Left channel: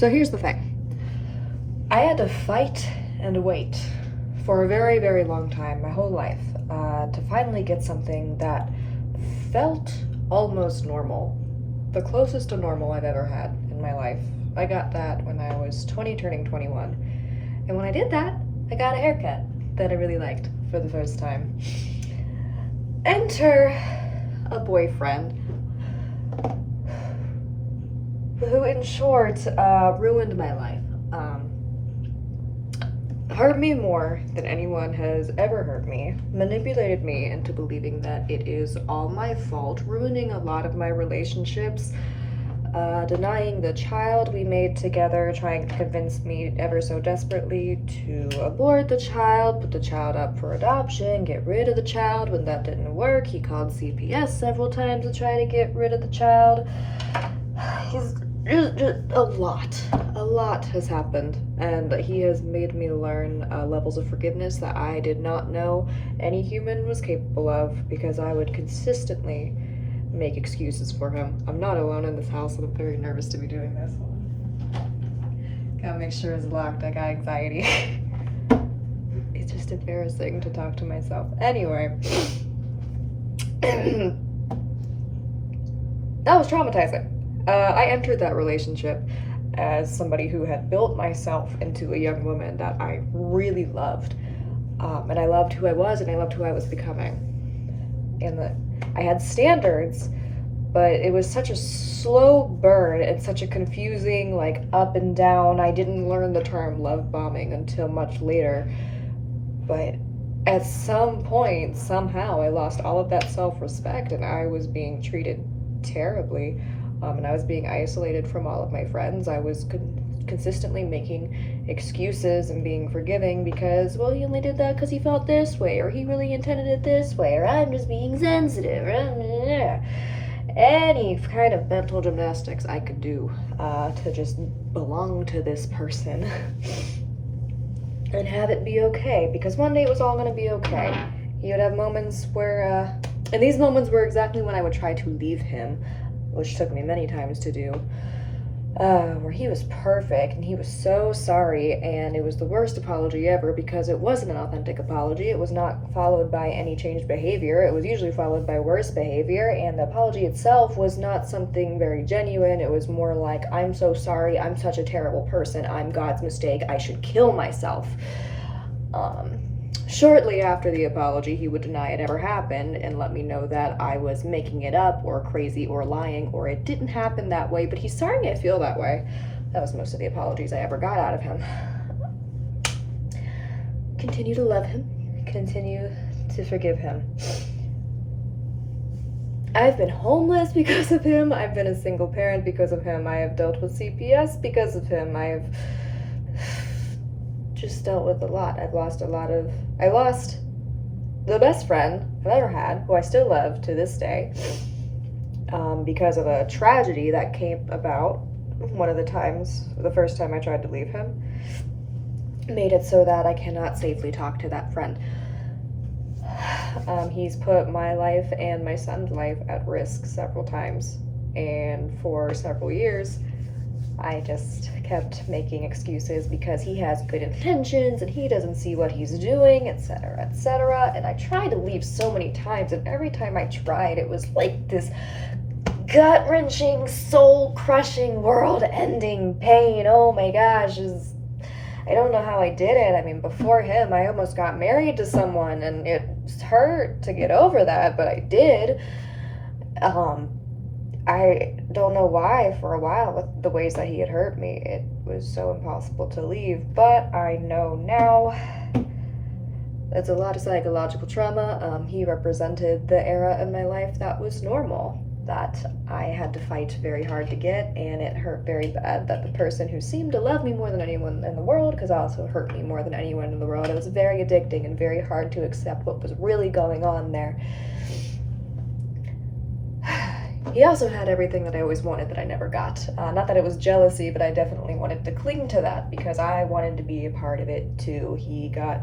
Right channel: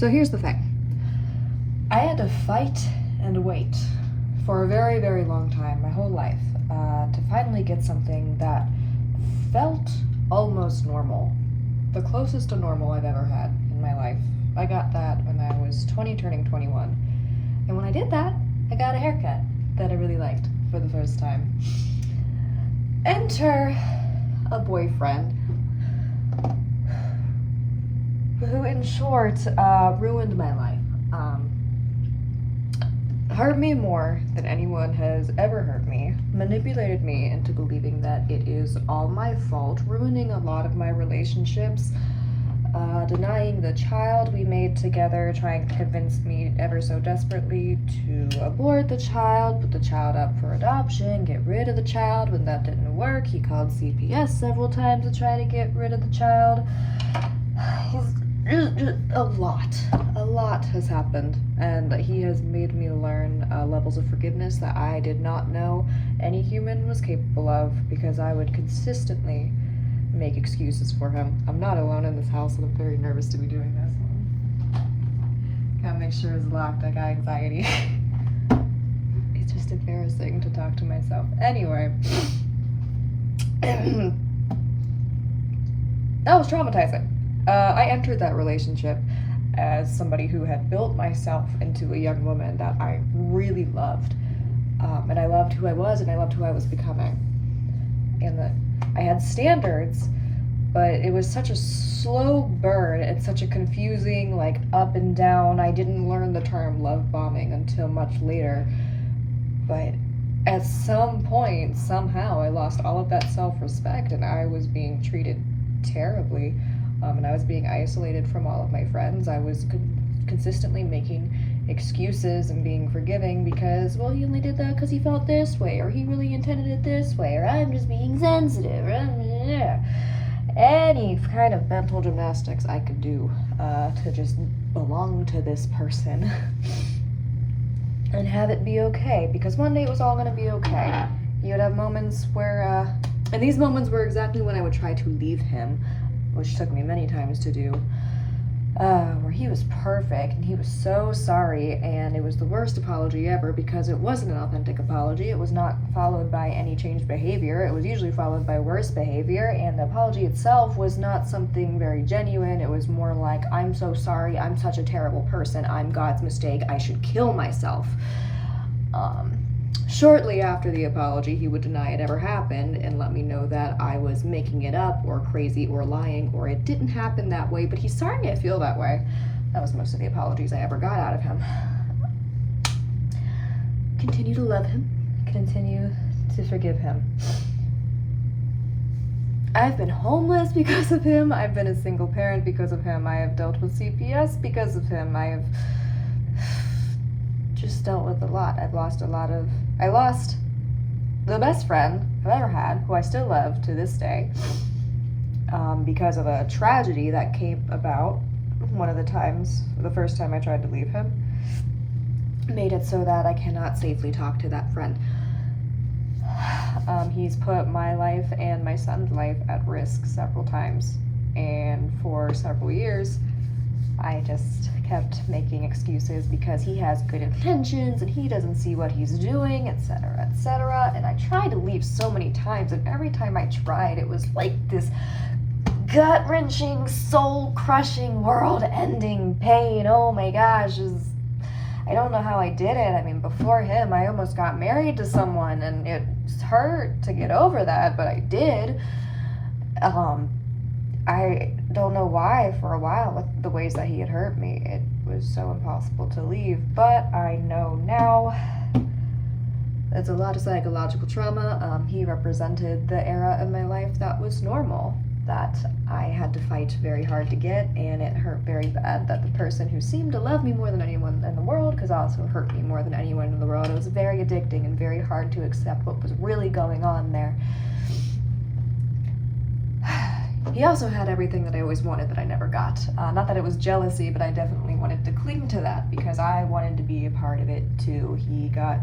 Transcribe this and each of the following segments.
So here's the thing. I had to fight and wait for a very, very long time, my whole life, to finally get something that felt almost normal. The closest to normal I've ever had in my life. I got that when I was 20, turning 21. And when I did that, I got a haircut that I really liked for the first time. Enter a boyfriend who, in short, ruined my life. Hurt me more than anyone has ever hurt me, manipulated me into believing that it is all my fault, ruining a lot of my relationships, denying the child we made together, trying to convince me ever so desperately to abort the child, put the child up for adoption, get rid of the child. When that didn't work, he called CPS several times to try to get rid of the child. He's just a lot has happened, and he has made me learn levels of forgiveness that I did not know any human was capable of, because I would consistently make excuses for him. I'm not alone in this house, and I'm very nervous to be doing this. Gotta make sure it's locked. I got anxiety. It's just embarrassing to talk to myself. Anyway. That was traumatizing. I entered that relationship as somebody who had built myself into a young woman that I really loved. And I loved who I was, and I loved who I was becoming. And I had standards, but it was such a slow burn and such a confusing, like, up and down. I didn't learn the term love bombing until much later. But at some point, somehow, I lost all of that self-respect, and I was being treated terribly. And I was being isolated from all of my friends. I was consistently making excuses and being forgiving because, well, he only did that because he felt this way, or he really intended it this way, or I'm just being sensitive. Any kind of mental gymnastics I could do to just belong to this person and have it be okay, because one day it was all going to be okay. He would have moments where, and these moments were exactly when I would try to leave him, which took me many times to do, where he was perfect and he was so sorry, and it was the worst apology ever because it wasn't an authentic apology. It was not followed by any changed behavior. It was usually followed by worse behavior, and the apology itself was not something very genuine. It was more like, I'm so sorry, I'm such a terrible person, I'm God's mistake, I should kill myself. Shortly after the apology, he would deny it ever happened and let me know that I was making it up or crazy or lying or it didn't happen that way, but he's starting to feel that way. That was most of the apologies I ever got out of him. Continue to love him. Continue to forgive him. I've been homeless because of him. I've been a single parent because of him. I have dealt with CPS because of him. I've just dealt with a lot. I lost the best friend I've ever had, who I still love to this day, because of a tragedy that came about the first time I tried to leave him, made it so that I cannot safely talk to that friend. He's put my life and my son's life at risk several times, and for several years, I just kept making excuses because he has good intentions and he doesn't see what he's doing, etc., etc. And I tried to leave so many times, and every time I tried, it was like this gut-wrenching, soul-crushing, world-ending pain. Oh my gosh, I don't know how I did it. I mean, before him, I almost got married to someone, and it hurt to get over that, but I did. I don't know why, for a while, with the ways that he had hurt me, it was so impossible to leave, but I know now it's a lot of psychological trauma. He represented the era of my life that was normal, that I had to fight very hard to get, and it hurt very bad that the person who seemed to love me more than anyone in the world could also hurt me more than anyone in the world. It was very addicting and very hard to accept what was really going on there. He also had everything that I always wanted that I never got. Not that it was jealousy, but I definitely wanted to cling to that because I wanted to be a part of it too. He got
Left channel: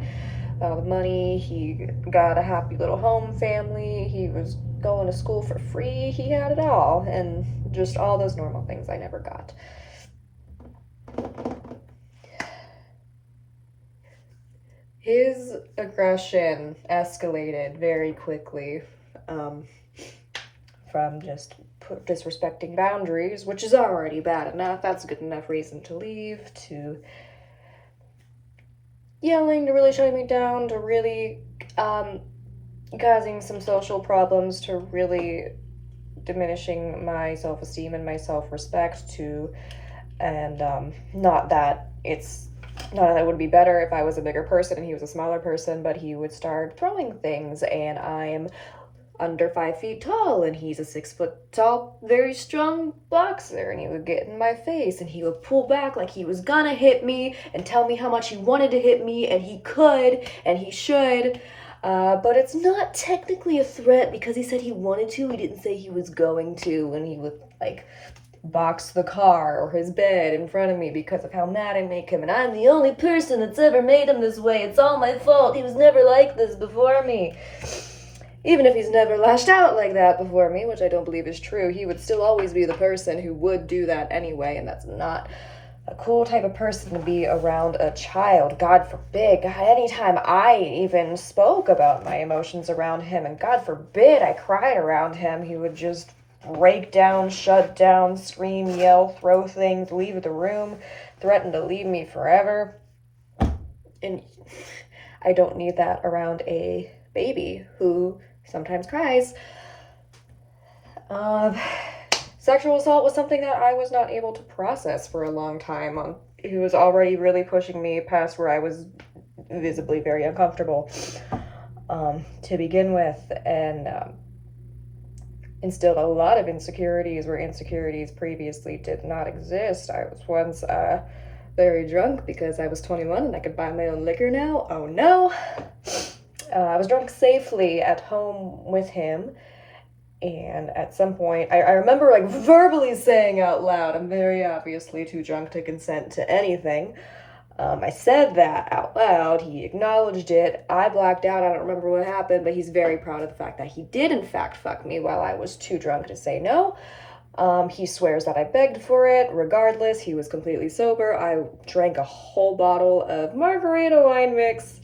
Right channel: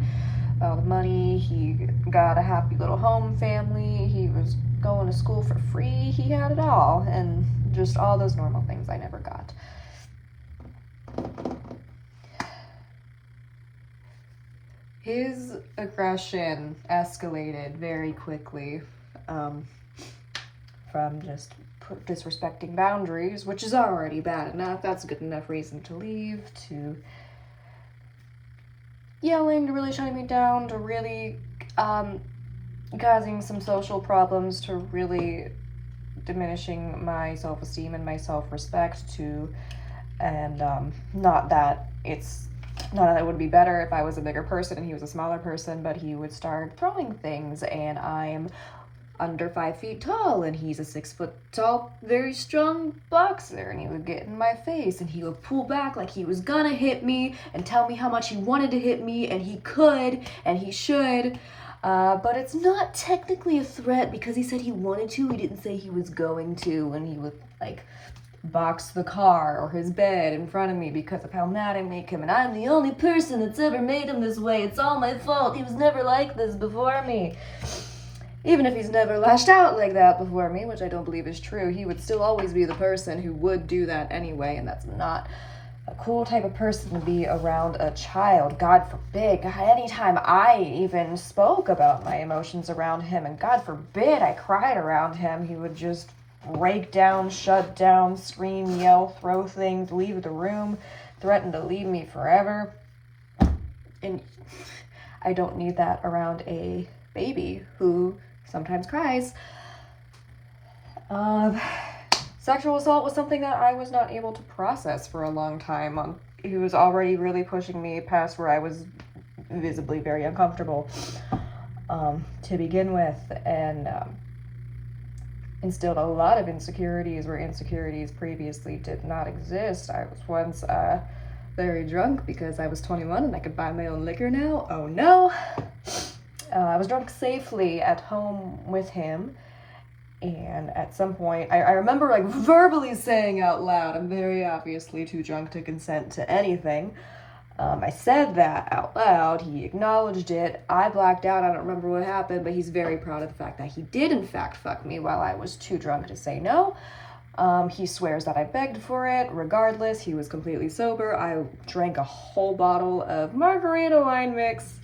all the money, he got a happy little home family, he was going to school for free, he had it all, and just all those normal things I never got. His aggression escalated very quickly, from just disrespecting boundaries, which is already bad enough. That's a good enough reason to leave, to yelling, to really shutting me down, to really causing some social problems, to really diminishing my self-esteem and my self-respect, to and not that it would be better if I was a bigger person and he was a smaller person, but he would start throwing things, and I'm under 5 feet tall and he's a 6 foot tall, very strong boxer, and he would get in my face and he would pull back like he was gonna hit me and tell me how much he wanted to hit me, and he could and he should. But it's not technically a threat because he said he wanted to. He didn't say he was going to, and he would box the car or his bed in front of me because of how mad I make him. And I'm the only person that's ever made him this way. It's all my fault. He was never like this before me. Even if he's never lashed out like that before me, which I don't believe is true, he would still always be the person who would do that anyway, and that's not a cool type of person to be around a child. God forbid. God, anytime I even spoke about my emotions around him, and God forbid I cried around him, he would just break down, shut down, scream, yell, throw things, leave the room, threaten to leave me forever. And I don't need that around a baby who sometimes cries. Sexual assault was something that I was not able to process for a long time. He was already really pushing me past where I was visibly very uncomfortable to begin with, and instilled a lot of insecurities where insecurities previously did not exist. I was once very drunk because I was 21 and I could buy my own liquor now. Oh no! I was drunk safely at home with him, and at some point, I remember verbally saying out loud, I'm very obviously too drunk to consent to anything. I said that out loud. He acknowledged it. I blacked out. I don't remember what happened, but he's very proud of the fact that he did, in fact, fuck me while I was too drunk to say no. He swears that I begged for it. Regardless, he was completely sober. I drank a whole bottle of margarita wine mix,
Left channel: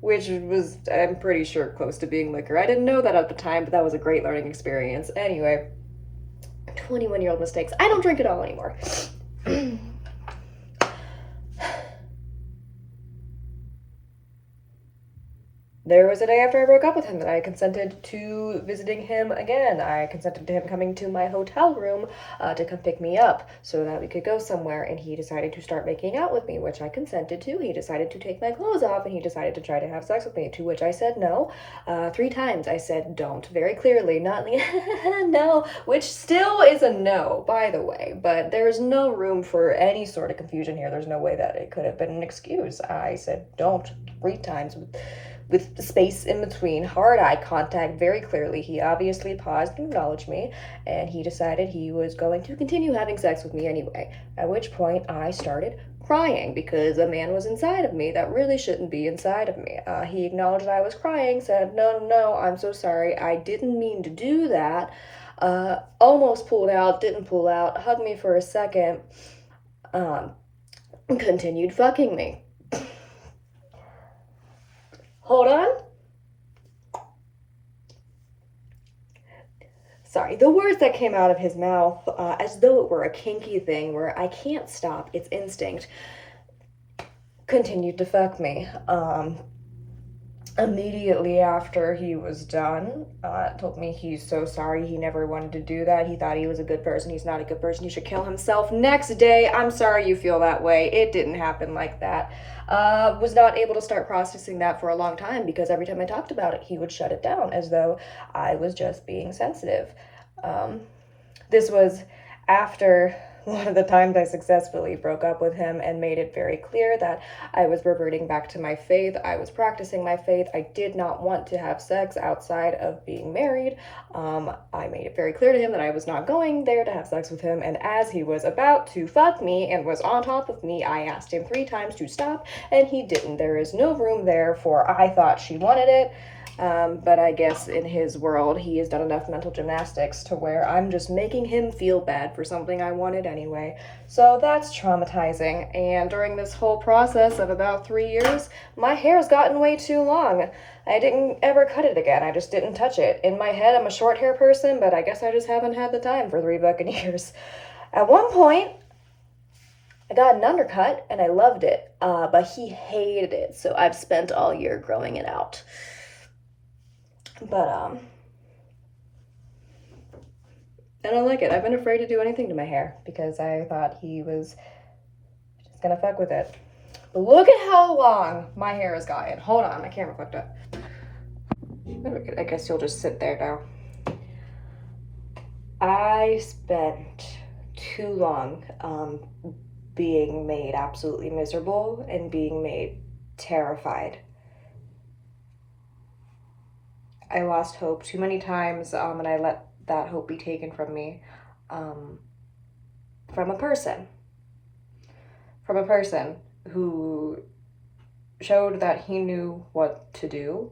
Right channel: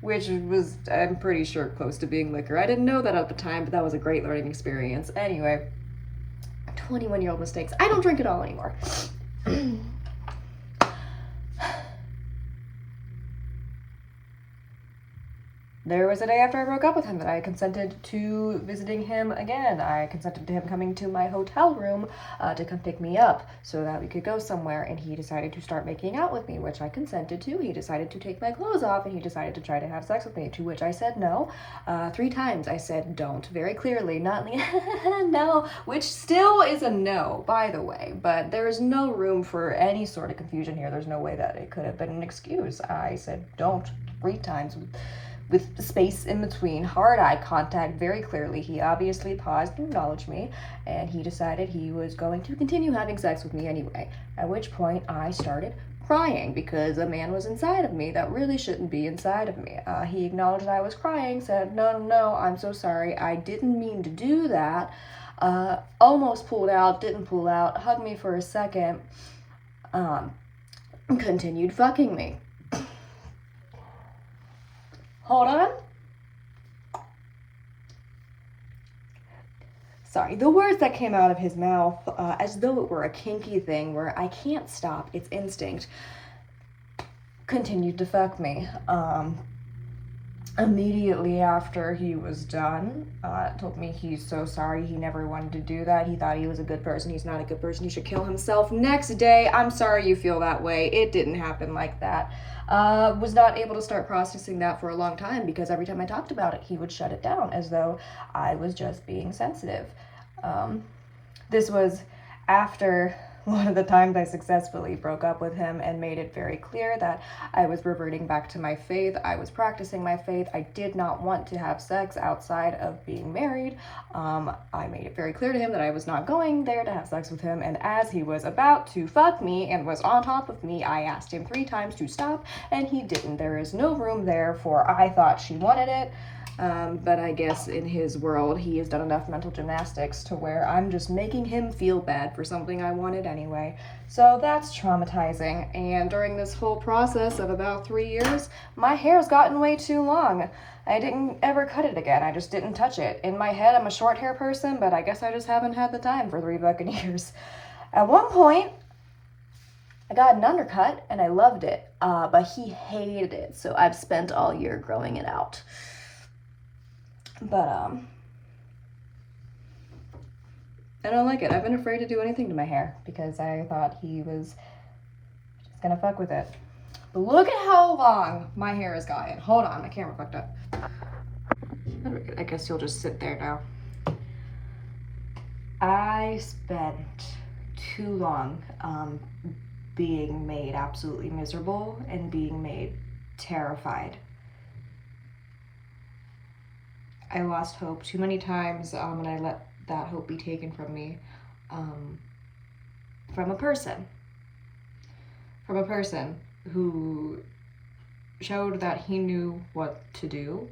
which was, I'm pretty sure, close to being liquor. I didn't know that at the time, but that was a great learning experience. Anyway, 21-year-old mistakes. I don't drink at all anymore. There was a day after I broke up with him that I consented to visiting him again. I consented to him coming to my hotel room to come pick me up so that we could go somewhere, and he decided to start making out with me, which I consented to. He decided to take my clothes off, and he decided to try to have sex with me, to which I said no. 3 times I said don't, very clearly, not no, which still is a no, by the way, but there's no room for any sort of confusion here. There's no way that it could have been an excuse. I said don't 3 times with space in between, hard eye contact, very clearly. He obviously paused to acknowledge me, and he decided he was going to continue having sex with me anyway, at which point I started crying because a man was inside of me that really shouldn't be inside of me. He acknowledged I was crying, said, no, I'm so sorry, I didn't mean to do that, almost pulled out, didn't pull out, hugged me for a second, continued fucking me. Hold on. Sorry, the words that came out of his mouth, as though it were a kinky thing where I can't stop, it's instinct, continued to fuck me. Immediately after he was done, told me he's so sorry, he never wanted to do that, he thought he was a good person, he's not a good person, he should kill himself. Next day, I'm sorry you feel that way, it didn't happen like that. Was not able to start processing that for a long time because every time I talked about it, he would shut it down as though I was just being sensitive. This was after one of the times I successfully broke up with him and made it very clear that I was reverting back to my faith. I was practicing my faith. I did not want to have sex outside of being married. I made it very clear to him that I was not going there to have sex with him, and as he was about to fuck me and was on top of me, I asked him 3 times to stop, and he didn't. There is no room there for I thought she wanted it. But I guess in his world, he has done enough mental gymnastics to where I'm just making him feel bad for something I wanted anyway. So that's traumatizing. And during this whole process of about 3 years, my hair's gotten way too long. I didn't ever cut it again. I just didn't touch it. In my head, I'm a short hair person, but I guess I just haven't had the time for 3 fucking years. At one point, I got an undercut and I loved it, but he hated it, so I've spent all year growing it out. But, I don't like it. I've been afraid to do anything to my hair because I thought he was just gonna fuck with it. But look at how long my hair has gotten. Hold on, my camera fucked up. I guess you'll just sit there now. I spent too long being made absolutely miserable and being made terrified. I lost hope too many times, and I let that hope be taken from me from a person who showed that he knew what to do,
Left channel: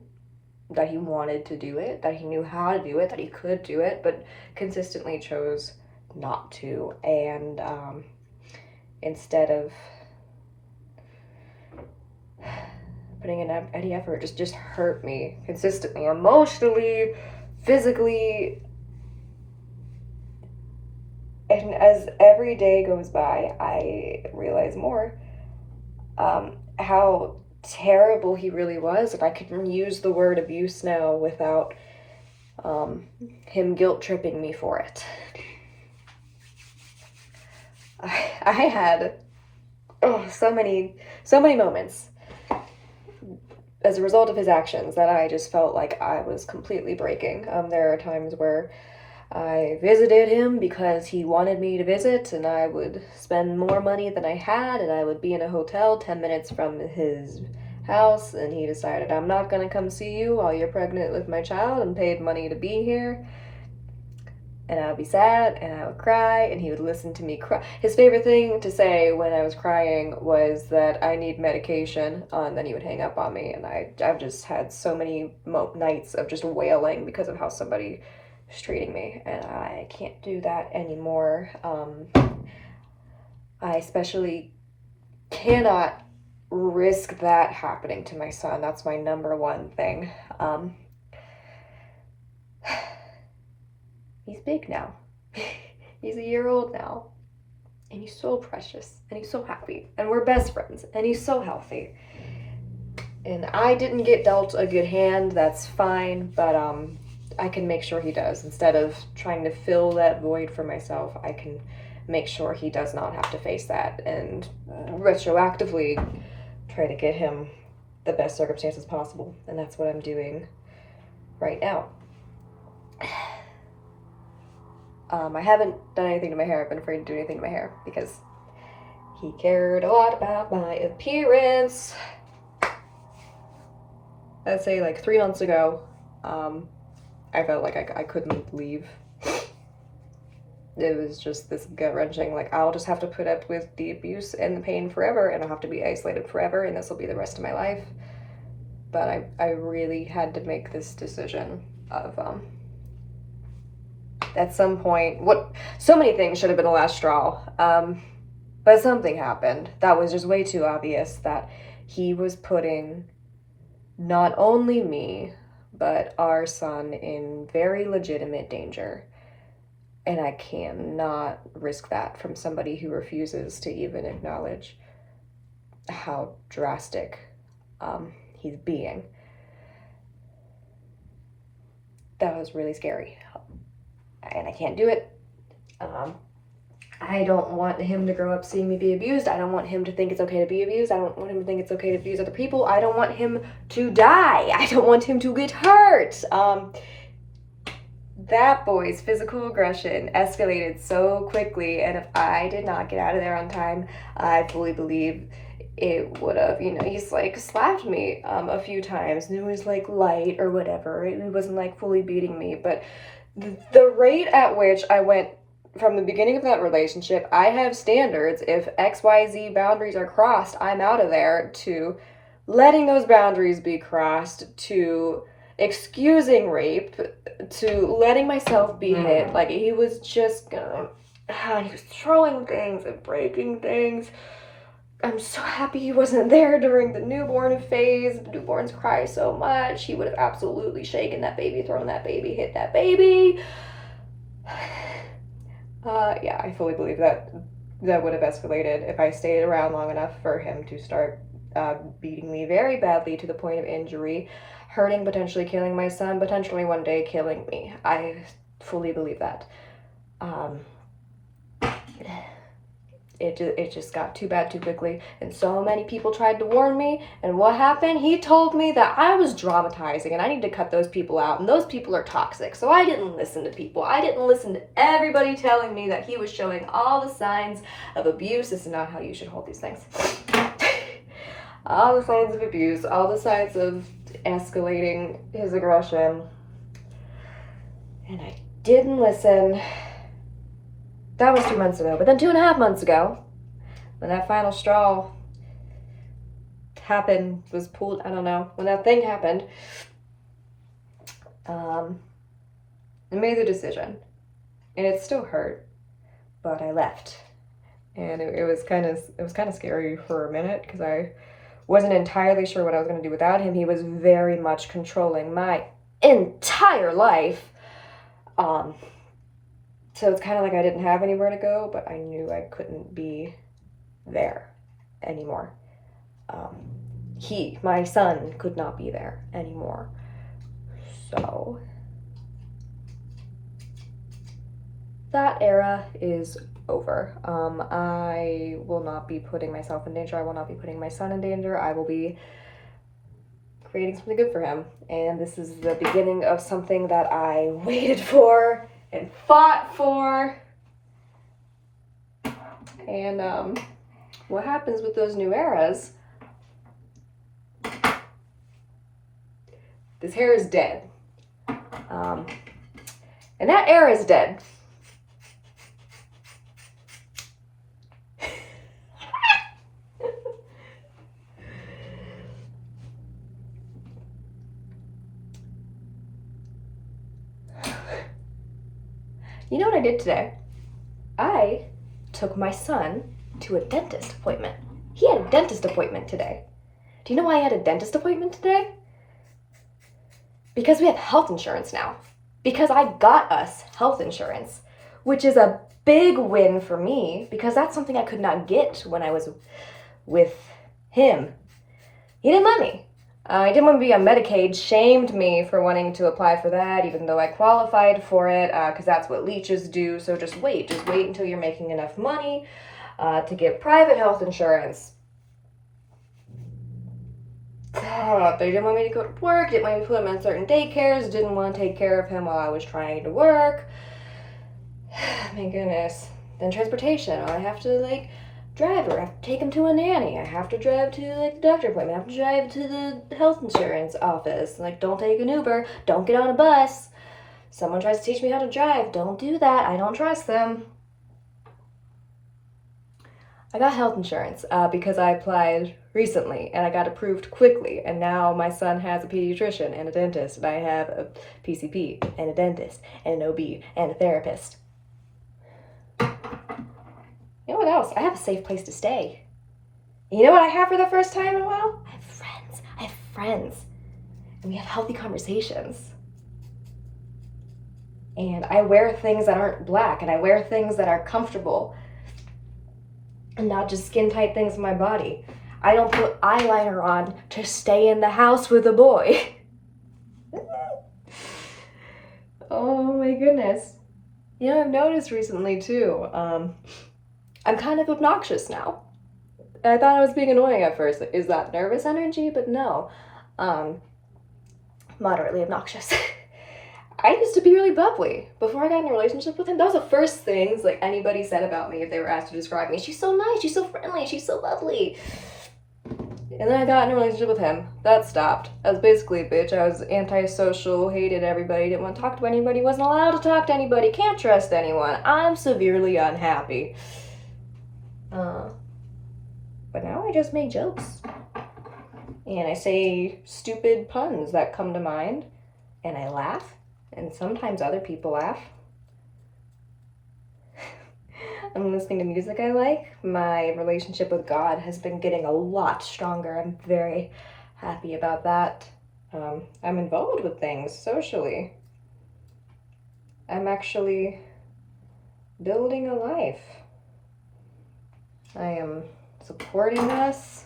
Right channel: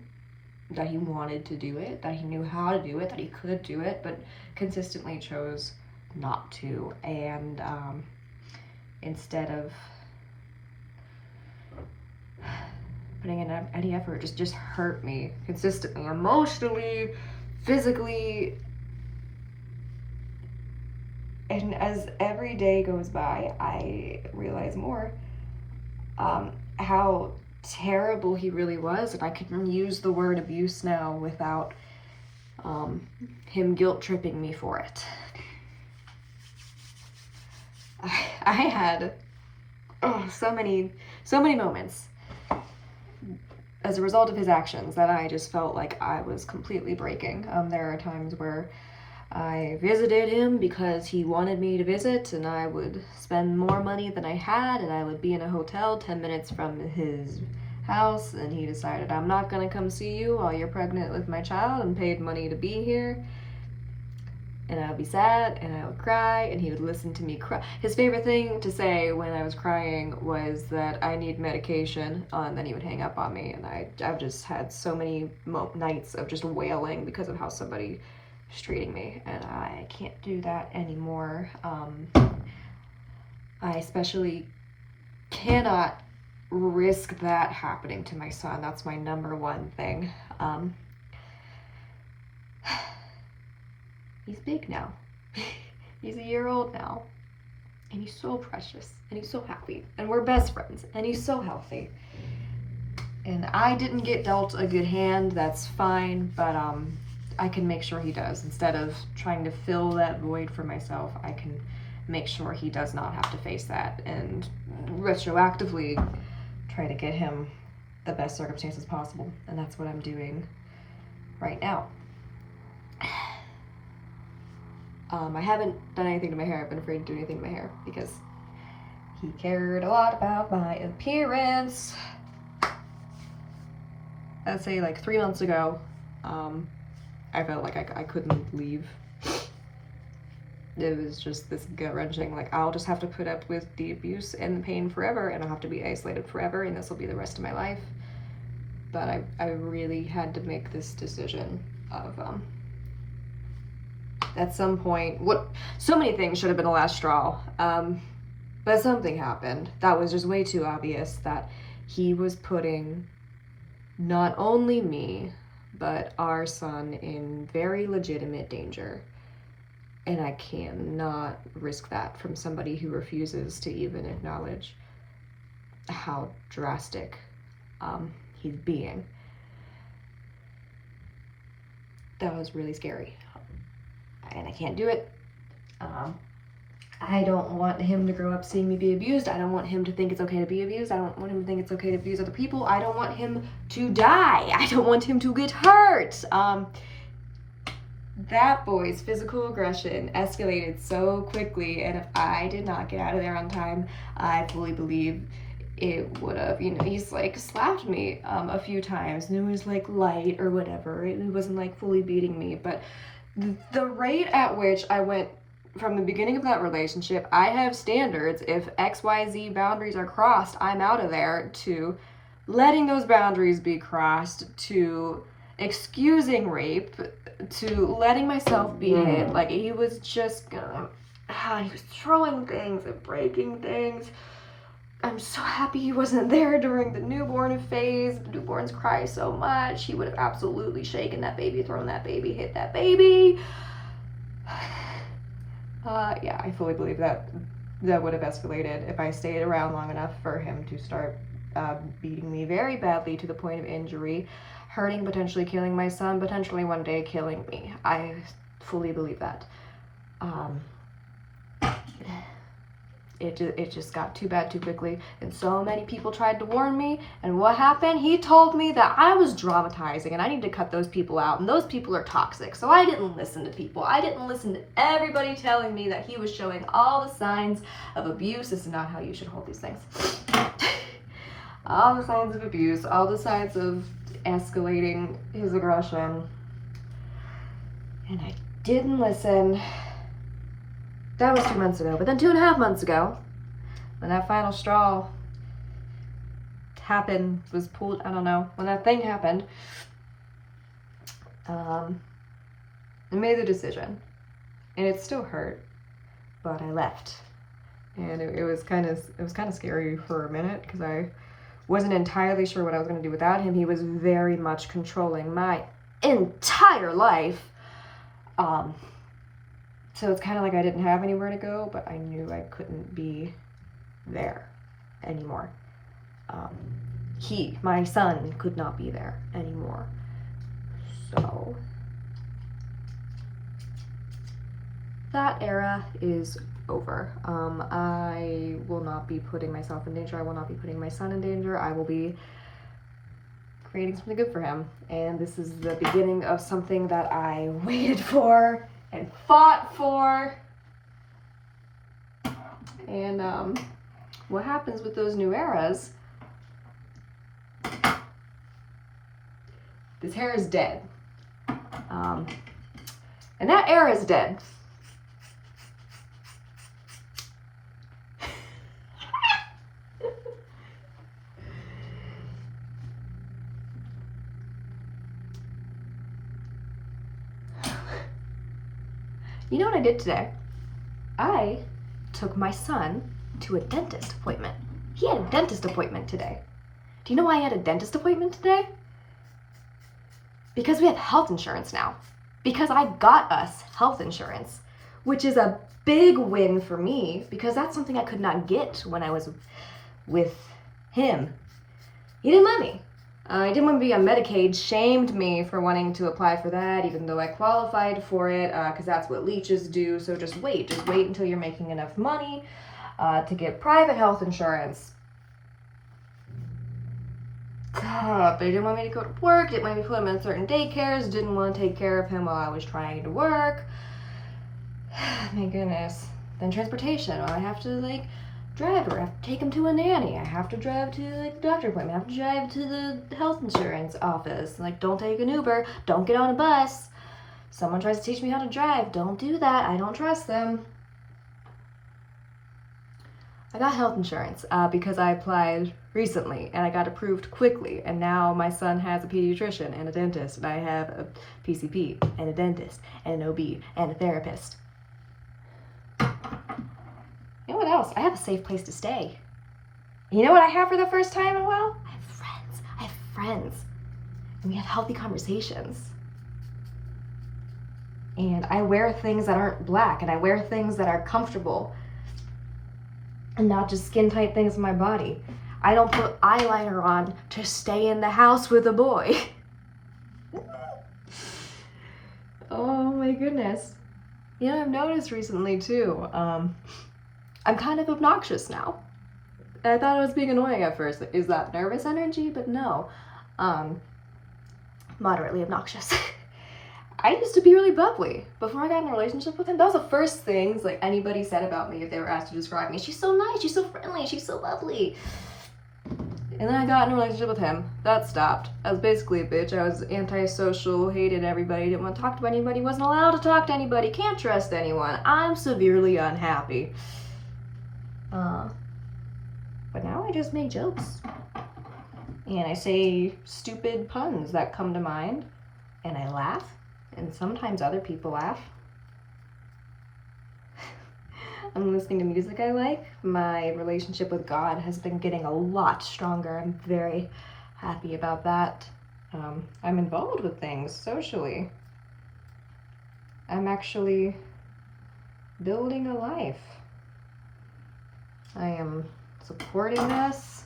that he wanted to do it, that he knew how to do it, that he could do it, but consistently chose not to. And instead of putting in any effort, just hurt me consistently, emotionally, physically. And as every day goes by, I realize more how terrible he really was. And I can use the word abuse now without him guilt tripping me for it. I had so many moments as a result of his actions that I just felt like I was completely breaking. There are times where I visited him because he wanted me to visit, and I would spend more money than I had, and I would be in a hotel 10 minutes from his house, and he decided, I'm not gonna come see you while you're pregnant with my child, and paid money to be here. And I would be sad, and I would cry, and he would listen to me cry. His favorite thing to say when I was crying was that I need medication, and then he would hang up on me, and I've just had so many nights of just wailing because of how somebody is treating me, and I can't do that anymore. I especially cannot risk that happening to my son. That's my number one thing. He's big now. He's a year old now. And he's so precious. And he's so happy. And we're best friends. And he's so healthy. And I didn't get dealt a good hand. That's fine. But I can make sure he does. Instead of trying to fill that void for myself, I can make sure he does not have to face that. And retroactively try to get him the best circumstances possible. And that's what I'm doing right now. I haven't done anything to my hair. I've been afraid to do anything to my hair because he cared a lot about my appearance. I'd say like 3 months ago, I felt like I couldn't leave. It was just this gut-wrenching, like, I'll just have to put up with the abuse and the pain forever, and I'll have to be isolated forever, and this will be the rest of my life. But I really had to make this decision of, at some point, so many things should have been the last straw, but something happened that was just way too obvious, that he was putting not only me, but our son in very legitimate danger. And I cannot risk that from somebody who refuses to even acknowledge how drastic he's being. That was really scary. And I can't do it. I don't want him to grow up seeing me be abused. I don't want him to think it's okay to be abused. I don't want him to think it's okay to abuse other people. I don't want him to die. I don't want him to get hurt. That boy's physical aggression escalated so quickly, and if I did not get out of there on time, I fully believe it would have, he's like slapped me a few times, and it was like light or whatever. It wasn't like fully beating me, but the rate at which I went from the beginning of that relationship, I have standards. If XYZ boundaries are crossed, I'm out of there, to letting those boundaries be crossed, to excusing rape, to letting myself be hit. Like, he was just gonna he was throwing things and breaking things. I'm so happy he wasn't there during the newborn phase. Newborns cry so much. He would have absolutely shaken that baby, thrown that baby, hit that baby. Yeah, I fully believe that would have escalated if I stayed around long enough for him to start beating me very badly to the point of injury, hurting, potentially killing my son, potentially one day killing me. I fully believe that. It just got too bad too quickly, and so many people tried to warn me, and what happened? He told me that I was dramatizing and I need to cut those people out, and those people are toxic. So I didn't listen to people. I didn't listen to everybody telling me that he was showing all the signs of abuse. This is not how you should hold these things. All the signs of abuse, all the signs of escalating his aggression, and I didn't listen. That was 2 months ago. But then 2.5 months ago, when that final straw happened, was pulled, I don't know, when that thing happened, I made the decision. And it still hurt, but I left. And it was kind of scary for a minute, because I wasn't entirely sure what I was going to do without him. He was very much controlling my entire life. So it's kind of like I didn't have anywhere to go, but I knew I couldn't be there anymore. My son, could not be there anymore. So that era is over. I will not be putting myself in danger. I will not be putting my son in danger. I will be creating something good for him. And this is the beginning of something that I waited for and fought for. And what happens with those new eras, this hair is dead. And that era is dead. You know what I did today? I took my son to a dentist appointment. He had a dentist appointment today. Do you know why he had a dentist appointment today? Because we have health insurance now. Because I got us health insurance, which is a big win for me, because that's something I could not get when I was with him. He didn't let me. He didn't want me to be on Medicaid, shamed me for wanting to apply for that, even though I qualified for it, because that's what leeches do. So just wait until you're making enough money to get private health insurance. But he didn't want me to go to work, didn't want me to put him in certain daycares, didn't want to take care of him while I was trying to work. My goodness. Then transportation. I have to, drive her. I have to take him to a nanny. I have to drive to, the doctor appointment. I have to drive to the health insurance office. Don't take an Uber. Don't get on a bus. Someone tries to teach me how to drive. Don't do that. I don't trust them. I got health insurance because I applied recently, and I got approved quickly, and now my son has a pediatrician and a dentist, and I have a PCP and a dentist and an OB and a therapist. You know what else? I have a safe place to stay. You know what I have for the first time in a while? I have friends. And we have healthy conversations. And I wear things that aren't black, and I wear things that are comfortable and not just skin tight things on my body. I don't put eyeliner on to stay in the house with a boy. Oh my goodness. I've noticed recently too, I'm kind of obnoxious now. I thought I was being annoying at first. Is that nervous energy? But no. Moderately obnoxious. I used to be really bubbly. Before I got in a relationship with him, that was the first things anybody said about me if they were asked to describe me. She's so nice, she's so friendly, she's so lovely. And then I got in a relationship with him. That stopped. I was basically a bitch. I was antisocial, hated everybody, didn't want to talk to anybody, wasn't allowed to talk to anybody, can't trust anyone. I'm severely unhappy. But now I just make jokes. And I say stupid puns that come to mind. And I laugh. And sometimes other people laugh. I'm listening to music I like. My relationship with God has been getting a lot stronger. I'm very happy about that. I'm involved with things socially. I'm actually building a life. I am supporting us.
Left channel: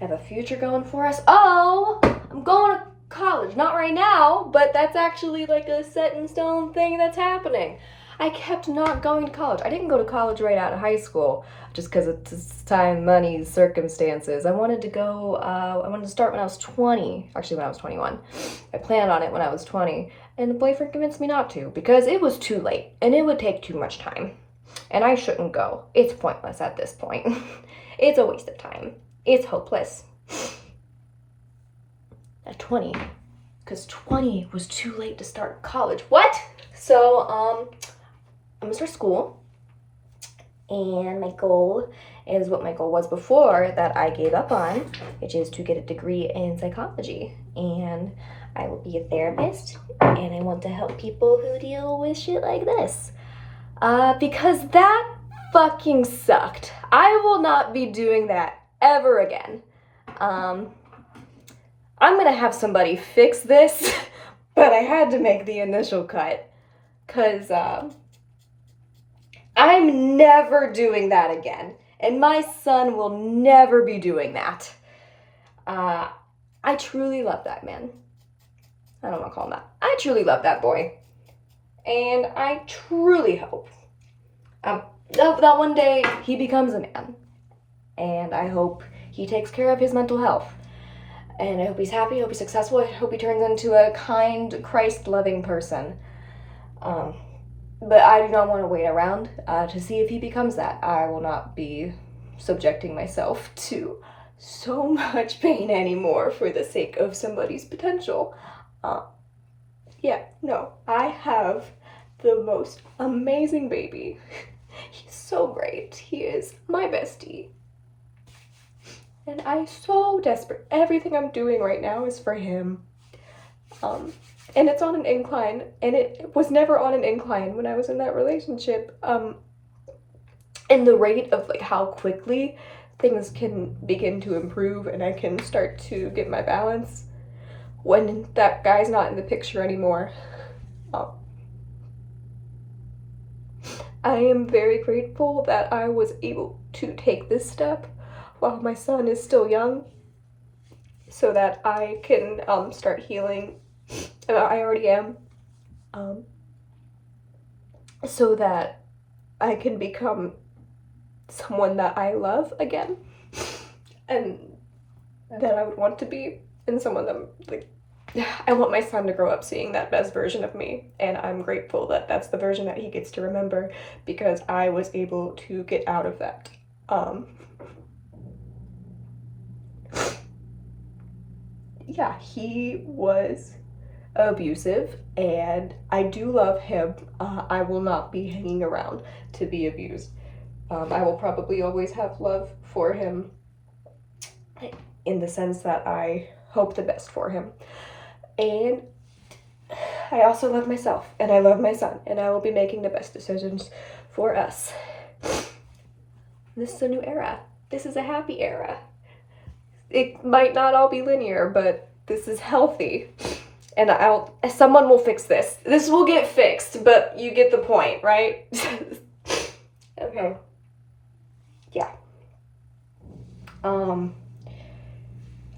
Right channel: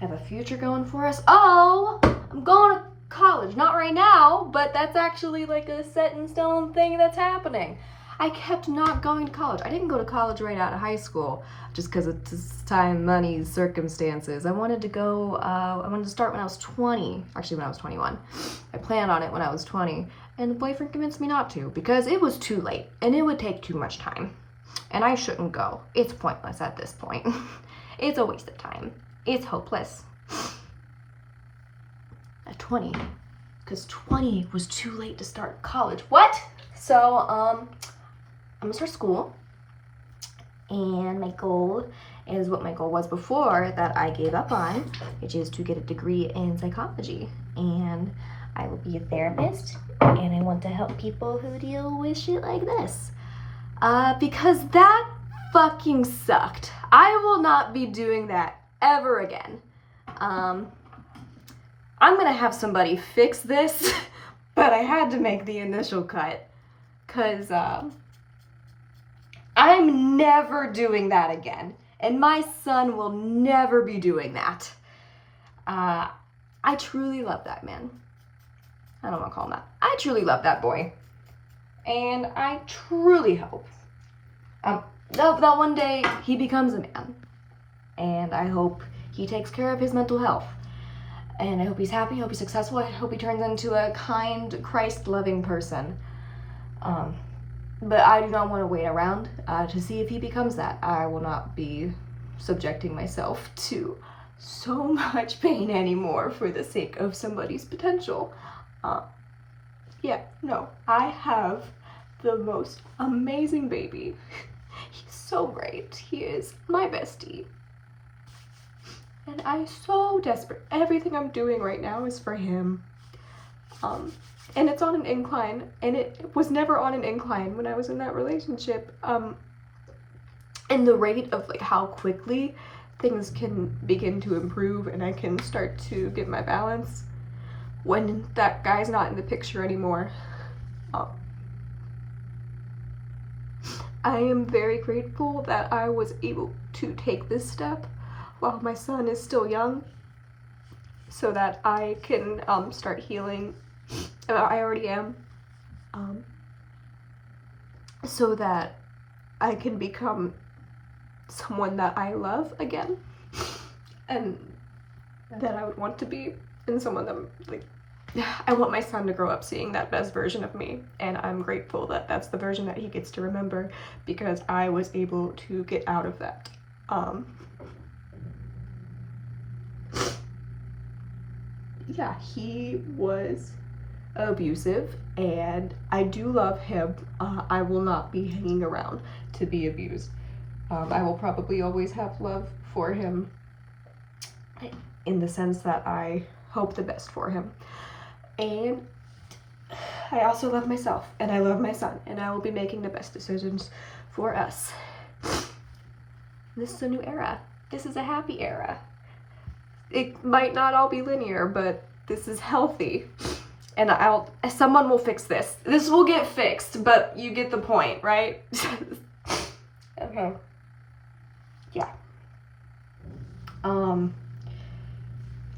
I have a future going for us. Oh, I'm going to college. Not right now, but that's actually like a set in stone thing that's happening. I kept not going to college. I didn't go to college right out of high school just because of time, money, circumstances. I wanted to go, I wanted to start when I was 20. Actually, when I was 21. I planned on it when I was 20. And the boyfriend convinced me not to because it was too late and it would take too much time. And I shouldn't go. It's pointless at this point. It's a waste of time. It's hopeless. At 20. Because 20 was too late to start college. What? So, I'm gonna start school. And my goal is what my goal was before that I gave up on, which is to get a degree in psychology. And I will be a therapist. And I want to help people who deal with shit like this. Because that fucking sucked. I will not be doing that ever again. I'm gonna have somebody fix this, but I had to make the initial cut. Cause, I'm never doing that again. And my son will never be doing that. I truly love that man. I don't want to call him that. I truly love that boy. And I truly hope that one day he becomes a man. And I hope he takes care of his mental health. And I hope he's happy, I hope he's successful, I hope he turns into a kind, Christ-loving person. But I do not want to wait around to see if he becomes that. I will not be subjecting myself to so much pain anymore for the sake of somebody's potential. Yeah, no, I have the most amazing baby. He's so great. He is my bestie. And I'm so desperate. Everything I'm doing right now is for him. And it's on an incline, and it was never on an incline when I was in that relationship. And the rate of like how quickly things can begin to improve and I can start to get my balance when that guy's not in the picture anymore. I am very grateful that I was able to take this step while my son is still young so that I can start healing. I already am. So that I can become someone that I love again and that I would want to be, and someone that like I want my son to grow up seeing that best version of me, and I'm grateful that that's the version that he gets to remember because I was able to get out of that. Yeah, he was abusive and I do love him. I will not be hanging around to be abused. I will probably always have love for him in the sense that I hope the best for him. And I also love myself and I love my son and I will be making the best decisions for us. This is a new era. This is a happy era. It might not all be linear, but this is healthy. And someone will fix this. This will get fixed, but you get the point, right? Okay. Yeah.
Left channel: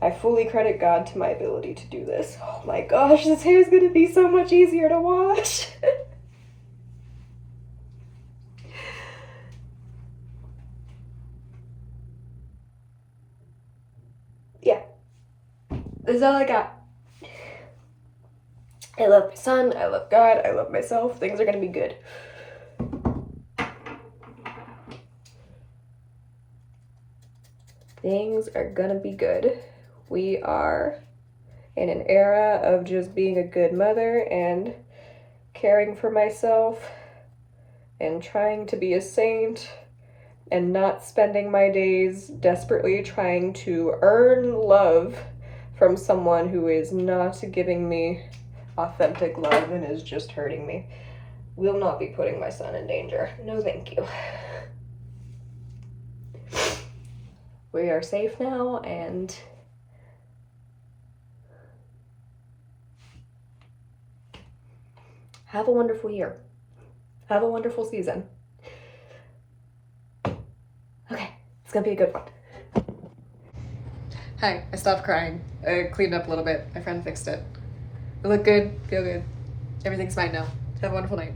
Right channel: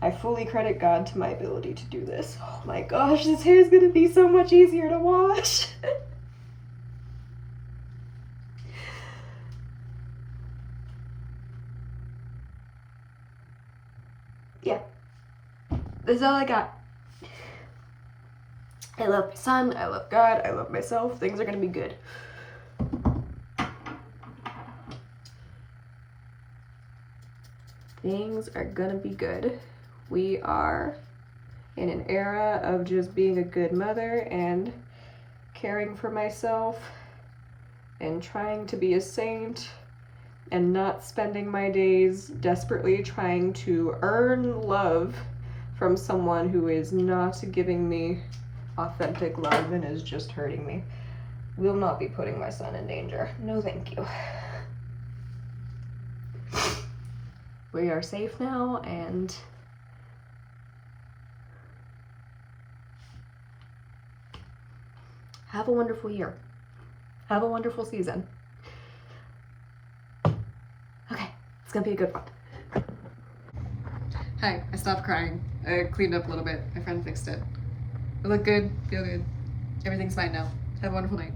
I fully credit God to my ability to do this. Oh my gosh, this hair is gonna be so much easier to wash. Yeah. That's all I got. I love my son, I love God, I love myself. Things are gonna be good. Things are gonna be good. We are in an era of just being a good mother and caring for myself and trying to be a saint and not spending my days desperately trying to earn love from someone who is not giving me authentic love and is just hurting me. will not be putting my son in danger. No, thank you. We are safe now, and have a wonderful year. Have a wonderful season. Okay, it's gonna be a good one. Hi, I stopped crying. I cleaned up a little bit. My friend fixed it. I look good, feel good. Everything's fine now. Have a wonderful night.